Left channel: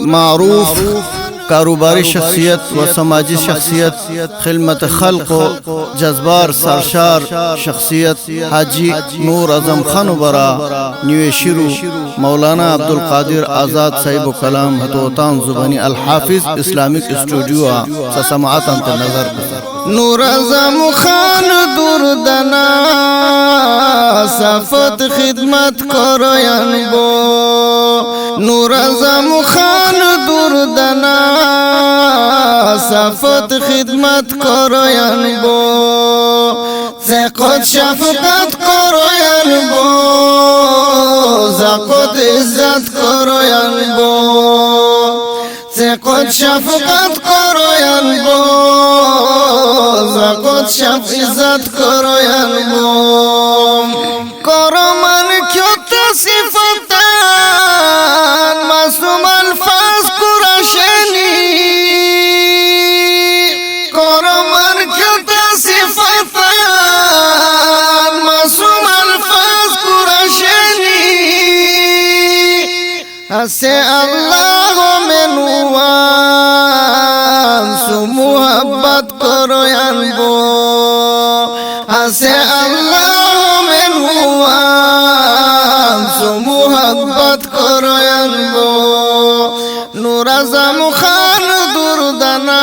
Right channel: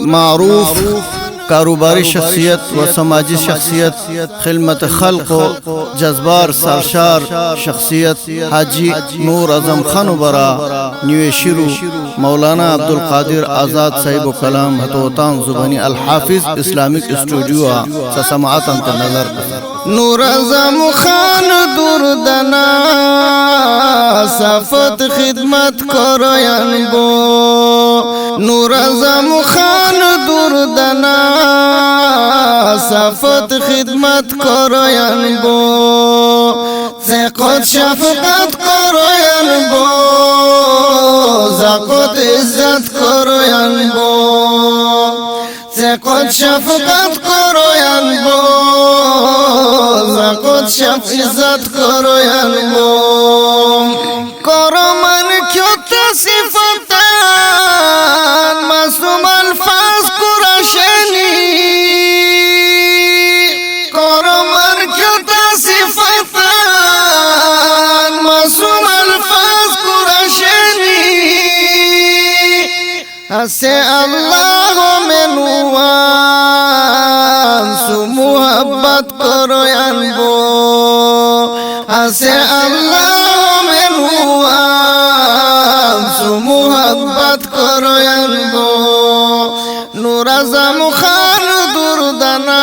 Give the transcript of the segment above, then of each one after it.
معروف کاروباری شخصیت و سماجی شخصیت، خدمت خلق و جذبار سرشار شخصیت حاجی نور اعظم خان برا نیو شیرو مولانا عبدالقادر آزاد صاحب و کلام حتوتان زبانی الحافظ اسلامک اسٹوڈیو سماعت انت نظر پسر نور اعظم خان دور دنا صفت خدمت کروین بو نور اعظم خان دور دنا صفت خدمت کروین بو زقت شفقت کروین بو زقت عزت کروین بو زقت شفقت کروین بو زقت شفقت کروین بو کرمان کیوت صفتان معصوم الفاظ قرشنی کرمان کیوت صفتان معصوم الفاظ قرشنی اسے اللہ منوان سو محبت کرو انبو اسے اللہ منوان سو محبت کرو انبو نور اعظم خان دور دنا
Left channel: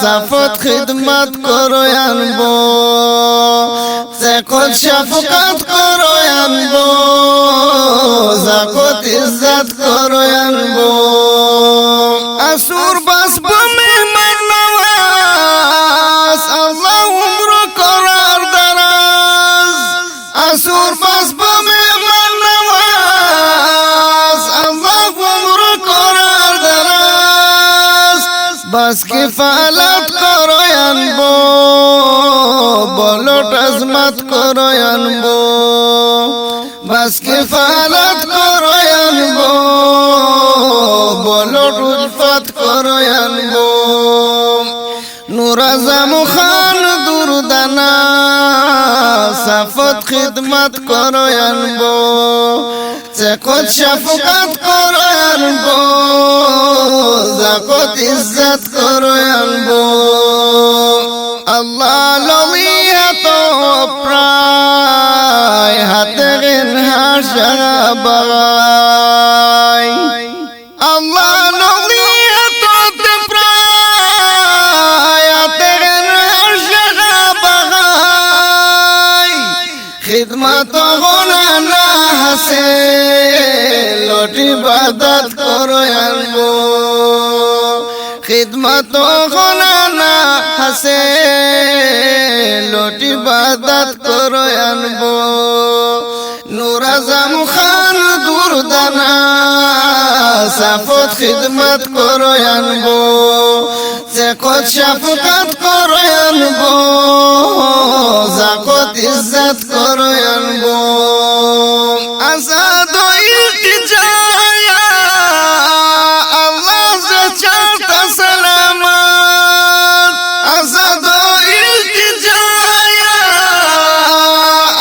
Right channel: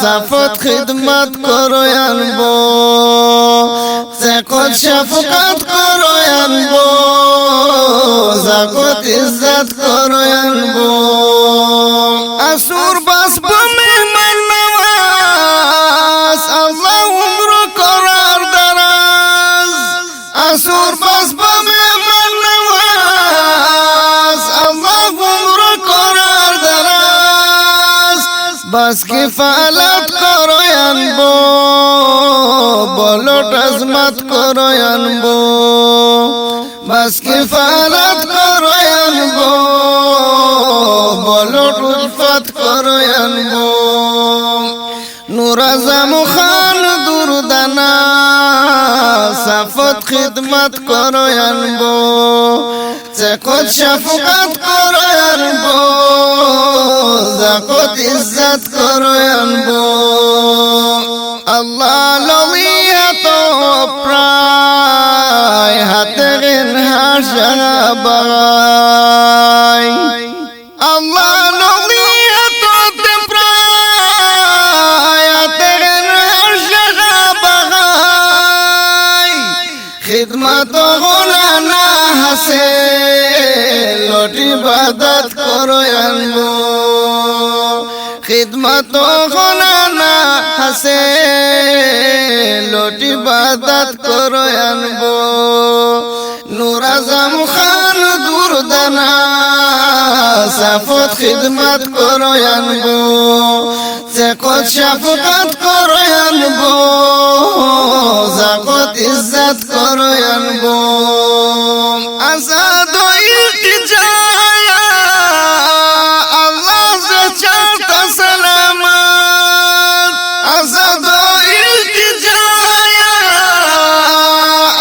صفت خدمت کرو انبو زقت شفقت کرو انبو زقت عزت کرو انبو اسور بس بمهمن نواز الله عمر قرار دراز اسور بس بمهمن نواز الله عمر قرار دراز بس کفالت کرو انبو بلوٹ عظمت کرو انبو بس کفالت کرو انبو بلوٹ الفت کرو انبو نور اعظم خان دور دنا صفت خدمت کرو انبو زقت شفقت کرو انبو زقت عزت کرو انبو اللہ لویت و پرای حت غنها شغبای اللہ لویت و پرای حت غنها شغبای خدمت و غنانا حسے لوٹی عبادت کرو انبو خدمت و غنانا حسے لوٹی عبادت کرو انبو نور اعظم خان دور دنا صفت خدمت کرو انبو زقت شفقت کرو انبو زقت عزت کرو انبو آزاد و التجایا اللہ سے چاہتا سلامت آزاد و التجایا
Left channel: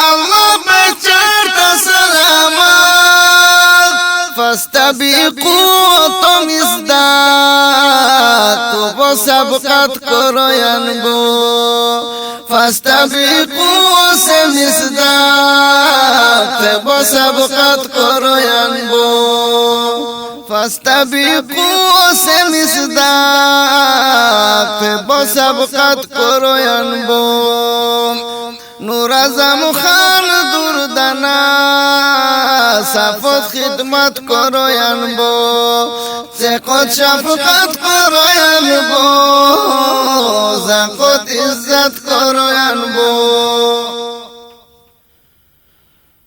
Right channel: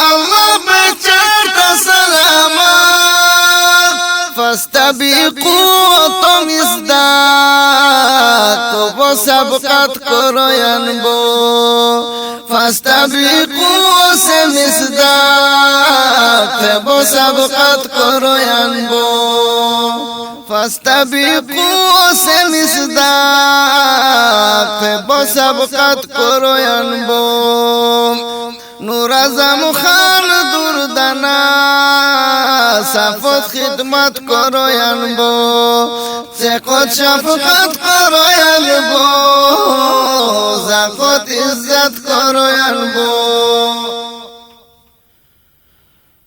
اللہ میں چاہتا سلامت فاستبقوا تم ازداد تو وہ سبقت کرو انبو فاستبقوا سے مصداق وہ سبقت کرو انبو فاستبقوا سے مصداق وہ سبقت کرو انبو نور اعظم خان دور دنا صفت خدمت کرو انبو زقت شفقت کرو انبو زقت عزت کرو انبو